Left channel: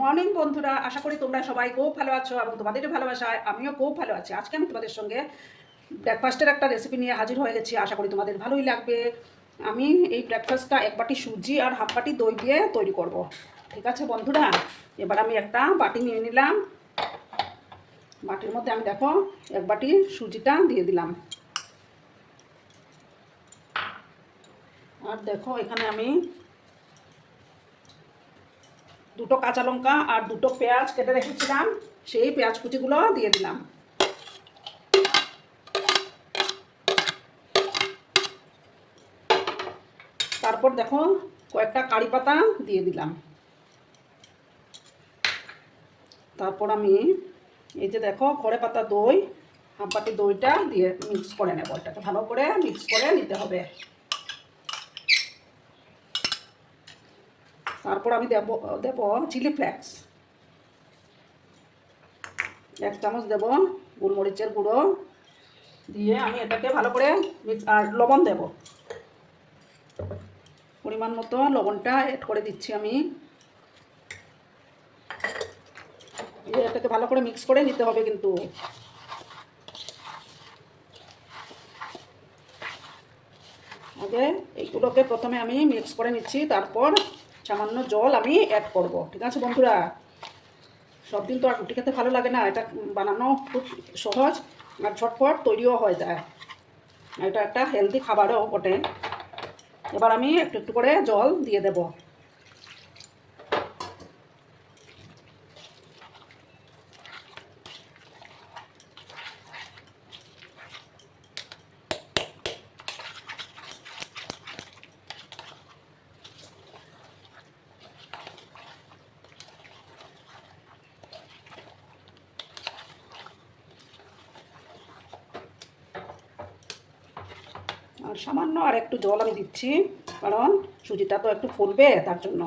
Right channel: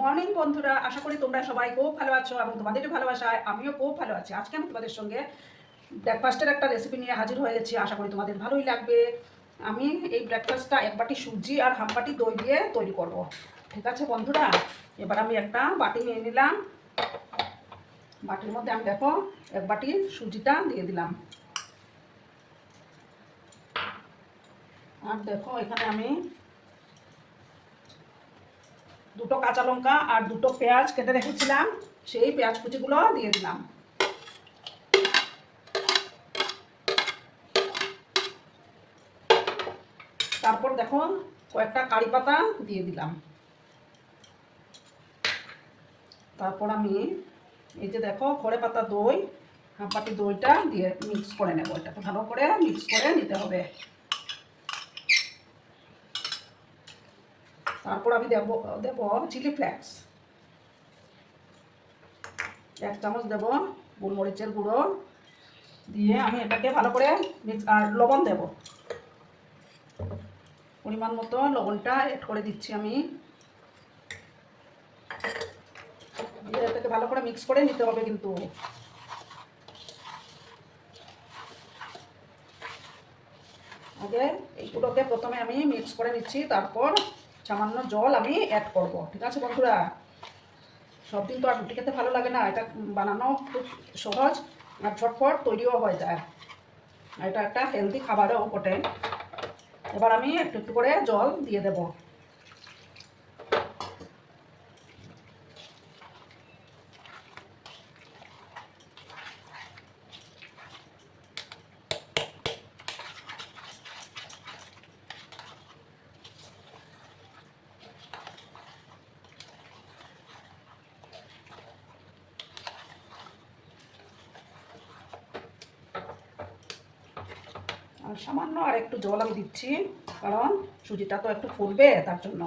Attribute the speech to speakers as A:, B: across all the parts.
A: Morning বন্ধুরা, আশা করি তোমরা সবাই খুব ভালো আছো এবং তোমাদের ভালোবাসায়, আমিও খুব ভালো আছি। আজকে আমি তোমাদের সঙ্গে ব্রেকফাস্টের একটা রেসিপি নিয়ে হাজির হয়ে গেছি। আশা করি তোমাদের ভালোই লাগবে। আমি এই ব্রেকফাস্টটা এক বাটি সুজি আর হাফ বাটি দই দিয়ে তৈরি করব। ঠিক আছে বন্ধুরা? এবার আমি একটা বাটি নিয়ে নিলাম। বাটির মধ্যে আমি দেখো, এক বাটি সুজিটা দিয়ে দিলাম। আর দেখো, এখানে আমি দুটো কাঁচা লঙ্কা আর দুটো পেঁয়াজ কেটে রেখেছিলাম, সেই পেঁয়াজ কুচিগুলো দিয়ে দিলাম। তারপর দেখো কয়েকটা কারি পাতা দিয়ে দিলাম। তারপর আমি এই যে দেখো খড়ে পাতা দই হাফ দইটা দিয়ে মিক্স করে নেব। এটাকে ভালো করে মিক্স করে নিতে হবে। তারপর আমি দেব দেব চিলি ফ্লেক্স এক চামচ দেব গোলমরিচের গুঁড়ো। দিয়ে আমি এটাকে ভালো করে মিক্স আর লবণ দেব। পরিমাণ মতো লবণটা অ্যাড করে দিচ্ছি আমি। দিয়ে এটাকে ভালো করে মিক্স করে নিতে হবে কিন্তু। আগে এইগুলোকে প্রথমে আমি মিক্স করে নিচ্ছি, তারপর সামান্য জল আমি অ্যাড করব। ঠিক আছে বন্ধুরা? সব দিন তো আর রুটি খেতে ভালো লাগে না, এটা বানানো খুব সহজ আর ঝটফট তৈরিও হয়ে যায়। এটা একটা হেলদি খাবারও বটে। এবার আমি একটু একটু করে জল দিয়ে দেব। আর সামান্য আর একটু জল আমি দিচ্ছি, কারণ সুজিটা তো একটু ফুলবে তার জন্য।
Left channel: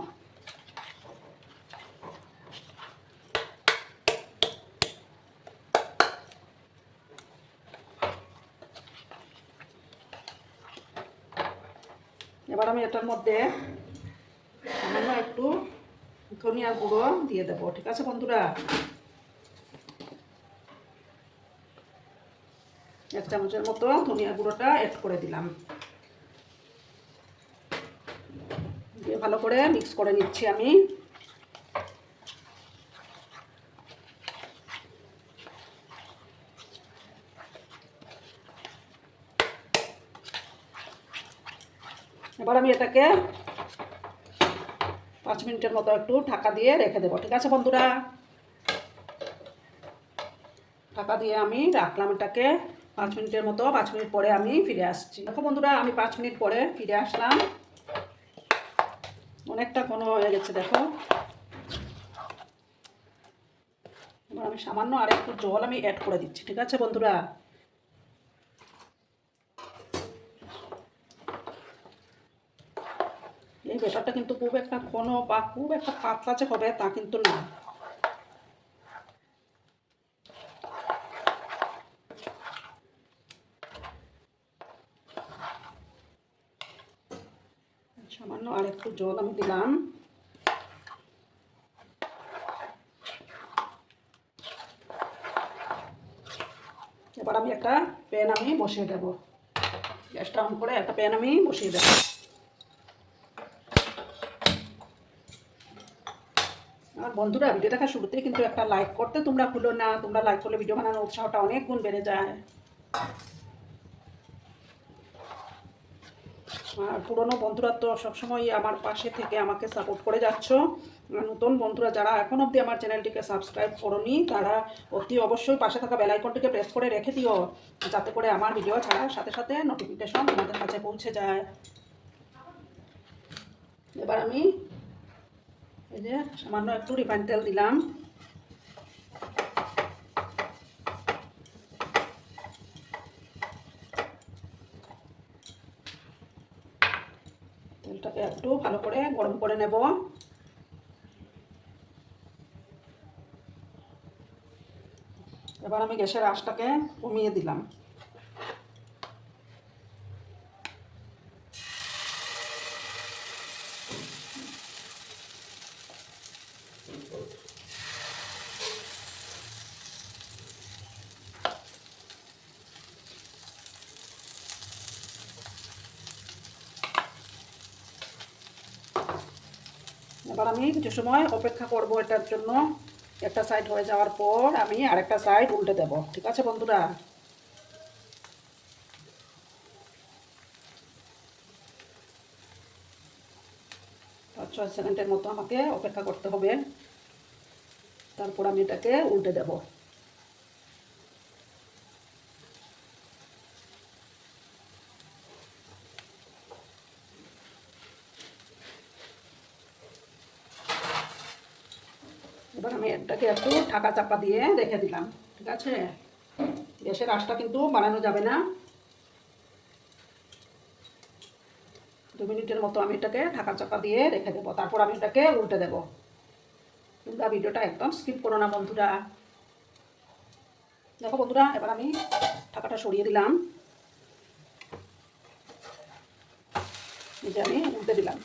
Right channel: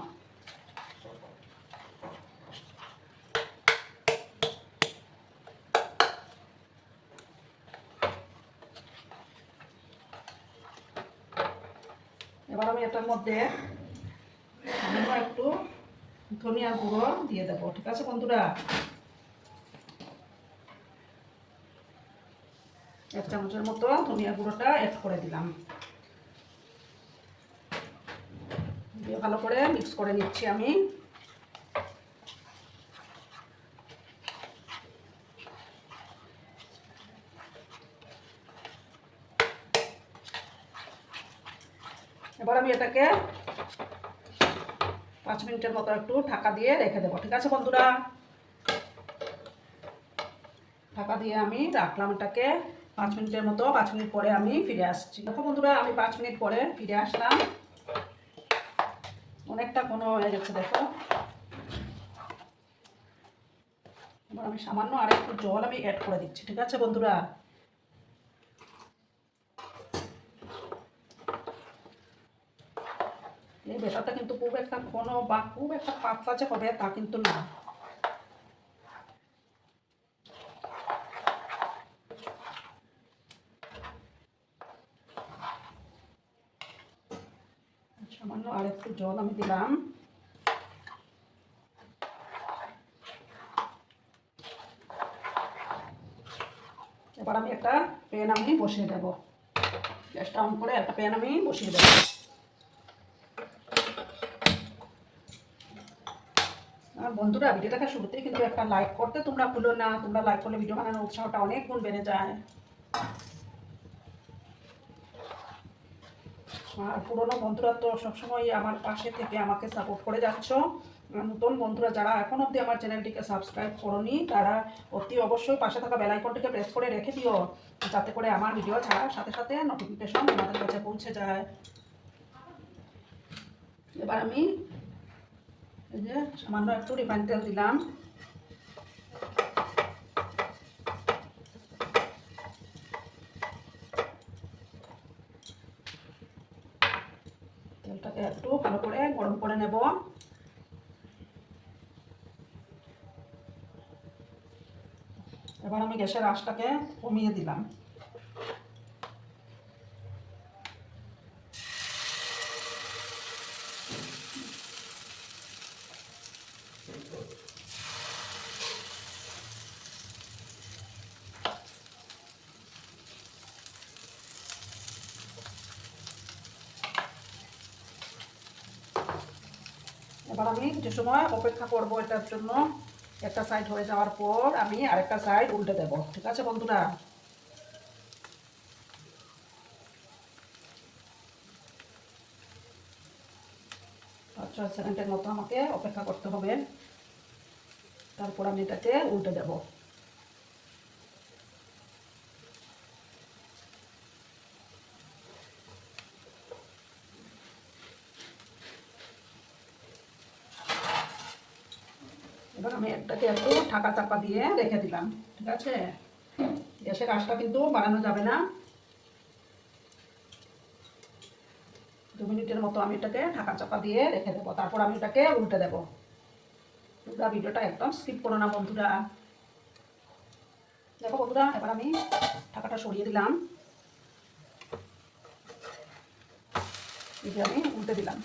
A: এবার আমি এটার মধ্যে একটু ধনিয়া গুঁড়ো দিয়ে দেবো, ঠিক আছে বন্ধুরা? এক চামচের মতো ধনিয়া গুঁড়োটা অ্যাড করে দিলাম। দিয়ে ভালো করে মিক্স করে নিচ্ছি আমি। এবার আমি এটাকে পাঁচ মিনিটের মতো একটু ঢাকা দিয়ে রেখে দেবো। ঠিক আছে বন্ধুরা? ঢাকা দিয়ে আমি রাখলাম এটাকে। পাঁচ মিনিটের মতো, পাঁচ মিনিট পরে আমি ফিরে আসছি। দেখো বন্ধুরা, আমি পাঁচ মিনিট পরে ফিরে আসলাম। অনেকটা কোনো হয়ে গেছে, দেখো। এবার আমি সামান্য আর একটু জল আমি অ্যাড করে দিচ্ছি, ঠিক আছে বন্ধুরা? এই বেটারটা কিন্তু খুব একটা ঘন বা খুব একটা পাতলা যে হবে তা কিন্তু না। সামান্য আর একটু জল আমি দিলাম। এবার আমি একটা প্যান আমি বসিয়ে দেবো। গ্যাসটা অন করে একটা প্যান আমি বসিয়ে দেবো। আর বন্ধুরা ভিডিও দেখার শুরুতেই কিন্তু একটা লাইক করতে তোমরা ভুলো না। তোমরা লাইক করলে ভিডিও বানানোর উৎসাহটা অনেক গুণ বেড়ে যায়। আর পুরনো বন্ধুরা তো সবসময় আমার পাশে থেকে আমাকে সাপোর্ট করে যাচ্ছ। নতুন বন্ধুরা যারা এখন অবধি আমার চ্যানেলটিকে সাবস্ক্রাইব করনি, তারা অতি অবশ্যই পাশে থাকা বেলাইকনটিকে প্রেস করে রেখে দিও, যাতে করে আমার ভিডিও ছাড়ার সাথে সাথে নোটিফিকেশন তোমাদের কাছে পৌঁছে যায়। এবার আমি এই যে সামান্য একটু রিফাইন তেল দিলাম। তেলটাকে একটু ভালো করে গরম করে নেব। এবার আমি গ্যাসের আশটাকে কমিয়ে দিলাম। এবার আমি কিছু সময় অপেক্ষা করব এটার জন্য। একটা সাইড হয়ে যাওয়ার পর আমি আরেকটা সাইড উল্টে দেব, ঠিক আছে বন্ধুরা? ছয় সেকেন্ডের মতো আমাকে অপেক্ষা করতে হবে। তারপর আমি এটাকে উল্টে দেব। এবার আমি এটাকে একটু ঢাকা চাপা দিয়ে রেখে দিলাম, ঠিক আছে? গ্যাসের আঁচটা কিন্তু বানানো যাবে না। দু মিনিটের মতো আমি এটাকে ঢাকা চাপা দিয়ে রেখে দেবো, তারপর আমি এটাকে উল্টে দেবো। তোমরা ভিডিওটা একদম স্কিপ করো না বন্ধুরা। দেখো বন্ধুরা, এবার আমি ঢাকাটা সরিয়ে দিলাম। এই যে আমি উল্টে দিলাম।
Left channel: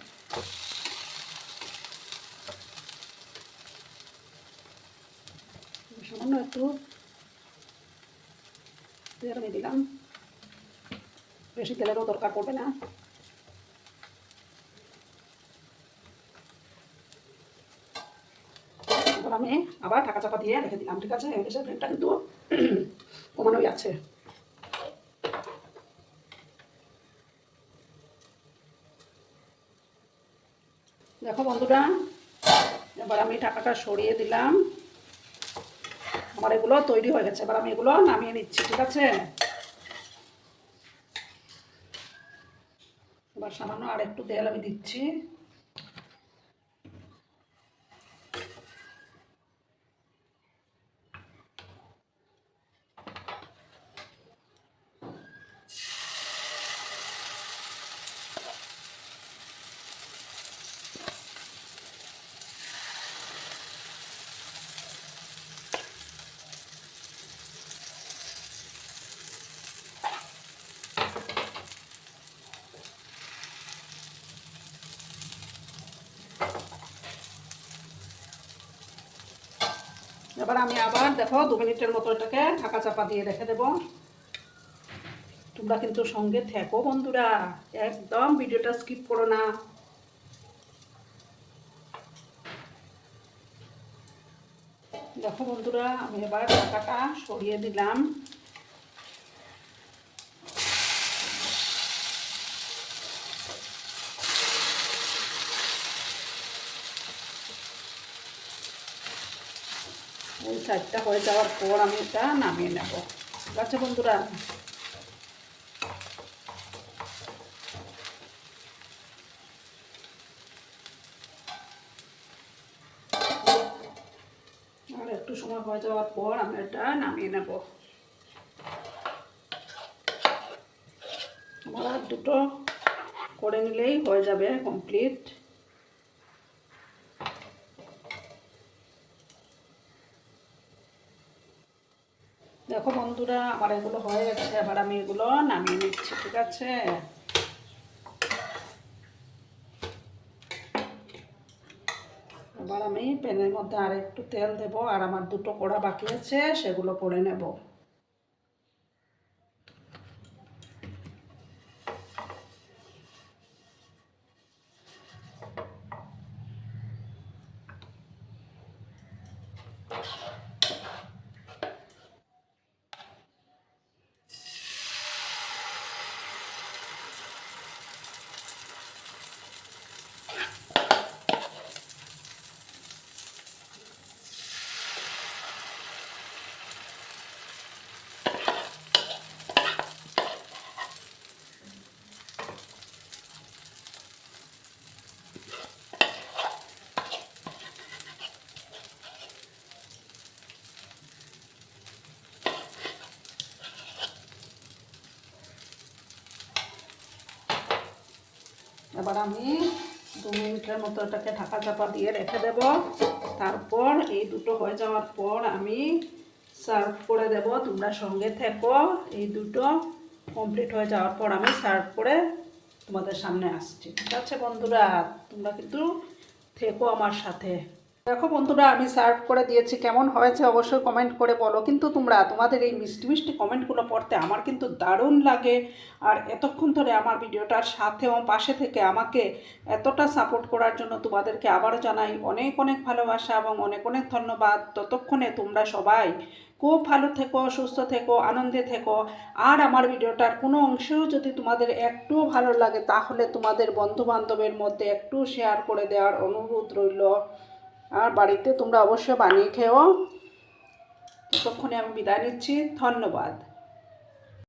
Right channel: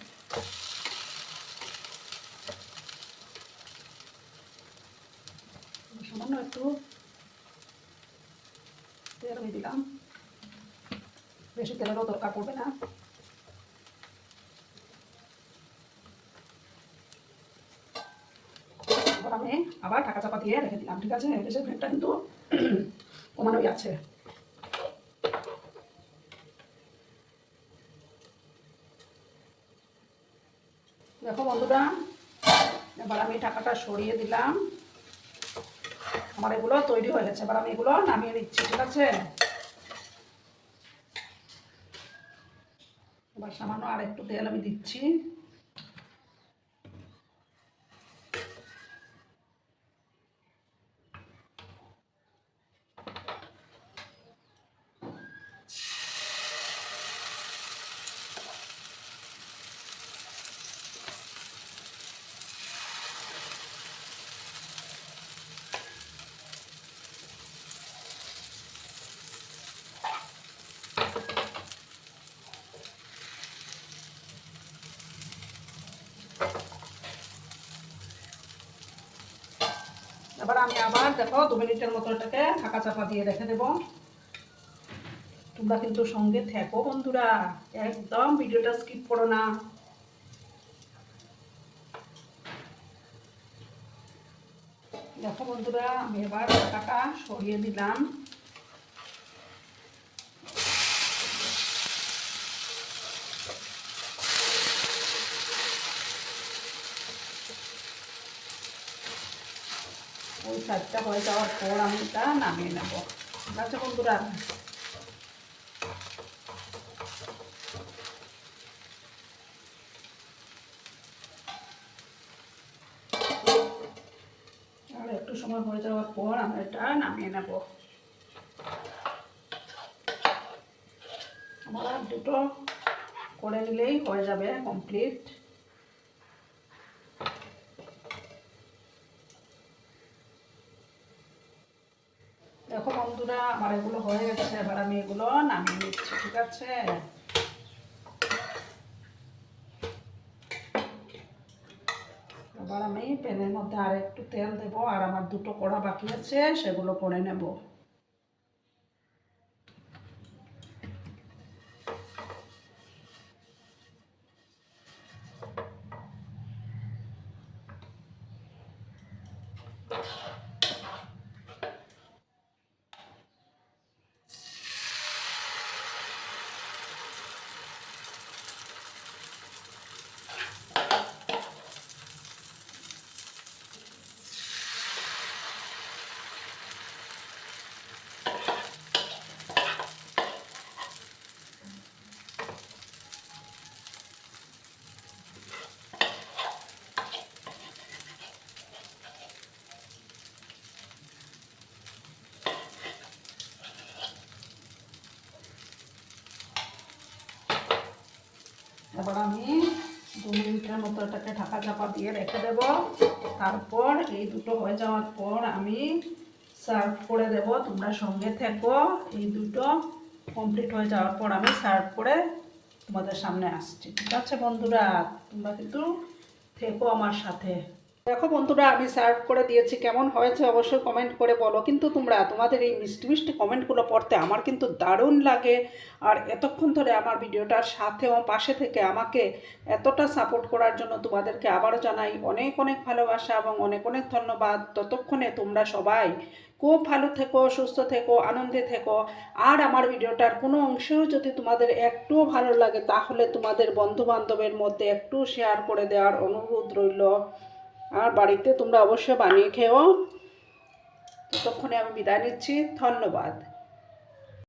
A: সামান্য একটু তেল আমি দিলাম বেশি তেলেরও দরকার পড়বে না আমি আবার ঢাকা চাপা দিয়ে রেখে দিলাম ঠিক আছে গ্যাসের ফ্লেমটা কিন্তু কমানোই আছে দেখো বন্ধুরা এবার আমি ঢাকাটা সরিয়ে দিলাম আমার এগুলো তৈরি হয়ে গেছে, এবার আমি এগুলো নামিয়ে নিচ্ছি, ঠিক আছে? এবার সামান্য আর একটু তেল আমি দিচ্ছি। এবার আমি আবার দেখো দু মিনিটের মতো এটাকে ঢাকা চাপা দিয়ে রেখে দেবো। তোমরা কিন্তু সঙ্গে থেকো বন্ধুরা, একদম ভিডিওটা স্কিপ করো না। দেখো বন্ধুরা, আমি এবার ঢাকাটা সরিয়ে দিলাম। ওই সাইডটা হয়ে যাওয়ার পর আমি এটা নামিয়ে নেব। ঠিক আছে বন্ধুরা? একটু সময় হয়ে যাওয়ার পর আমি এটা নামিয়ে নেব। আমার দুটো করে নিলেই হয়ে যাবে কমপ্লিট দেখো বন্ধুরা আমার এগুলো হয়ে গেছে এবার আমি এগুলো নামিয়ে নিচ্ছি, ঠিক আছে? এবার আমি প্যানের মধ্যে আর একটু তেল দেব, আর আমার দুটো কড়া বাকি আছে, সেগুলো করে নেব। এবার আমি দু মিনিটের মতো এটাকে ঢাকা চাপা দিয়ে রেখে দেব। তারপর এই দুটো হয়ে যাওয়ার পর আমি সার্ভ করে দেব। তোমরা সঙ্গে থেকো। এই দুটো কমপ্লিট হয়ে যাওয়ার পর আমি সার্ভ করে তোমাদের সামনে আসছি। ঠিক আছে বন্ধুরা? তোমরা কিন্তু থেকো আমার সাথে। দেখো বন্ধুরা, আমি সার্ভ করে দিয়েছি। কেমন হয়েছে অবশ্যই কমেন্ট করে বলো। কিন্তু তোমরা, তোমাদের এই মিষ্টি মিষ্টি কমেন্টগুলো পড়তে আমার কিন্তু দারুণ লাগে। আর এতক্ষণ ধরে আমার ভিডিওটার সাথে ও পাশে থেকে আমাকে এতটা সাপোর্ট করার জন্য তোমাদেরকে আবারও জানাই অনেক অনেক ভালোবাসা এবং অনেক অনেক ধন্যবাদ। ততক্ষণে তোমরা সবাই খুব ভালো থেকো, সুস্থ থেকো, আনন্দে থেকো। আর আমার ভিডিওটার কোনো অংশেও যদি তোমাদের একটুও ভালো লাগে, তাহলে তোমাদের বন্ধু বান্ধবের মধ্যে একটু শেয়ার করে দেওয়ার অনুরোধ রইল। আর বাড়িতে তোমরা অবশ্যই বানিয়ে খেও ততক্ষণে আমি বিদায় নিচ্ছি। ধন্যবাদ।